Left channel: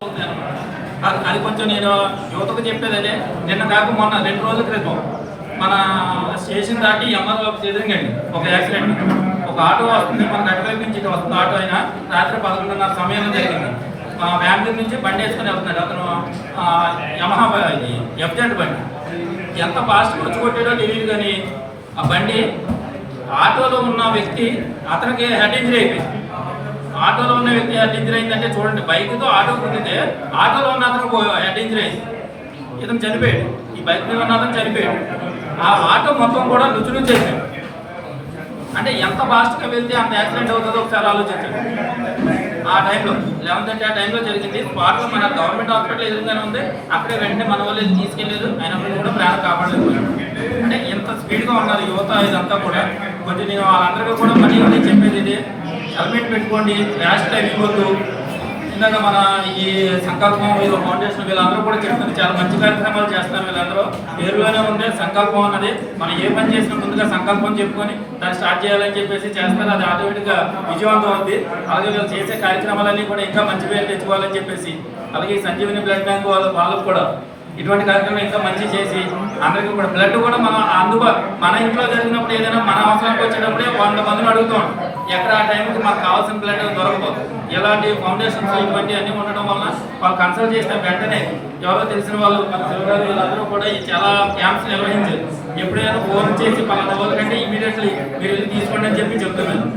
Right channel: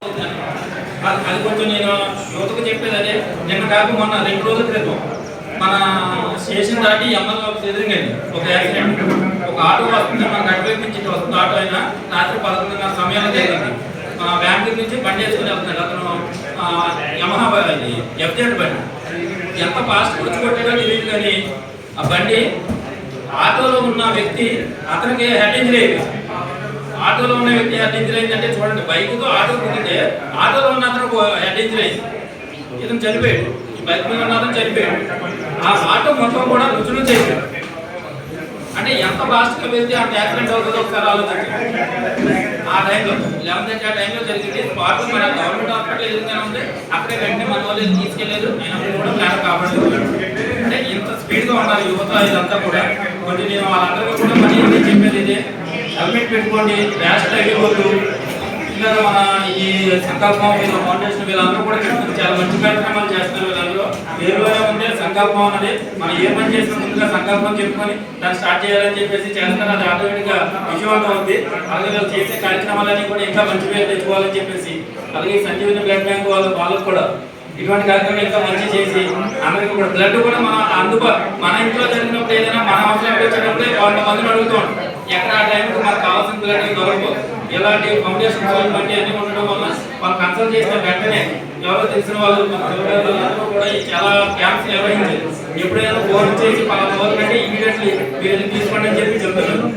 అది కొంచెం నేను యువతకు చెప్పేది అదే. నిన్న కాక మొన్న 2 రోజుల క్రితం మన స్టేషన్ దాటి ఎంఆర్ ఆఫీస్ ఎదురుగండి ఒక యాక్సిడెంట్. ఒక ఆటో వస్తుంది, మన గట్టిపైపు నుంచి ఇటు వస్తుంది ఆటో. అయినా రాత్రి 11:30 సమయంలో జరిగింది. బెంగళూరు నుంచి బండి వేసుకుని వెళ్తున్నాడు అతను. యమహా ఇది ఎఫ్జెడ్ బండి. ఎంత ఫాస్ట్గా వచ్చి కొట్టాడో తెలియదు, కానీ ఆ బండి ఆటోలో ఉన్న వ్యక్తి అతనికి హెడ్ ఇంజరీ అయిపోయింది. ఆటోలో ఉన్న వ్యక్తి హెడ్ ఇంజరీ అయిందంటే చూడండి, బైక్తో ఆటో కుట్టితే ఆటోలో ఉన్న అతను హెడ్ ఇంజరీ అయింది, ఇతను చనిపోయాడు. ఈ బైక్ మీద ఉన్న అతను చనిపోయాడు. ఆ ఆటో మొత్తం కూడా నుంచి అయిపోయాడు. అంటే ఎంత ఫాస్ట్గా వెళ్తే అంత యాక్సిడెంట్ అవుతుందో ఒకసారి ఆలోచించండి. ఆ టైంలో 11:30 ఆ టైంలో జరిగింది. స్పాట్లో మన గవర్నమెంట్ హాస్పిటల్ ఎదురుగానే ఉంది. అక్కడే వెంటనే మన వాళ్ళు తీసుకెళ్లేదు, అయినప్పుడు కూడా ప్రాణం కాపాడలేదు. అంటే ఎంత స్పీడ్గా ఉన్నారు యువత. ఇదంతా కూడా కొంచెం నేను వాళ్ళందరికీ కూడా మళ్ళీ చెప్పేది ఇదే, హెల్మెట్ పెట్టుకోండి, ర్యాష్ డ్రైవ్ ఇవ్వద్దు. ఇందాక మన ఈ సంకల్పం ఫౌండేషన్ వీళ్ళందరూ కూడా చెప్తున్నారు, చాలా మంచి కార్యక్రమాలు చేస్తున్నారు. వీళ్ళందరూ పేరులోనే ఉంది సంకల్పం అన్నది. మనం ఏ పని చేసిన ముందుగా సంకల్పం చెప్పుకొని దాన్ని స్టార్ట్ చేయాలని చెప్పేసి చేస్తారు. అది ఆటోమేటిక్గా విజయవంతం అవుతుంది. అలాగే వీళ్ళు చేసే కార్యక్రమాలన్నీ కూడా ఇంకా మంచి పేరు తెచ్చుకోవాలని చెప్పేసి, అలాగే సంజీవిని బ్లడ్ బ్యాంక్ వాళ్ళకు కూడా ఇటువంటి కార్యక్రమం ఇంకా మంచి చేసి అందరికీ కూడా బ్లడ్ కూడా మనం మన ఇంట్లో జరిగినప్పుడు ఏదైనా మన అవసరానికి వచ్చేటప్పుడే 100 మందిని అడుగుతూ ఉంటాం. ఎక్కడ ఆ టైంకి మనకు కావాల్సిన బ్లడ్ దొరకదు. ఇలాంటి ఫౌండేషన్స్ ఇవన్నీ అన్నీ ఉండడం వల్ల వాళ్ళు కన్సల్ట్ చేసిన వెంటనే ఎవరో తెలిసిన వాళ్ళు మన తెలుగు వీళ్ళందరూ కూడా చాలా క్యాంప్స్ నిర్వహించారు. ఎప్పుడైనా ఫోన్ చేసి పలానా రోజు కంటే ఇమీడియట్లీ మీరు వెళ్ళి తీసుకోండి అని చెప్పి చెప్తున్నారు.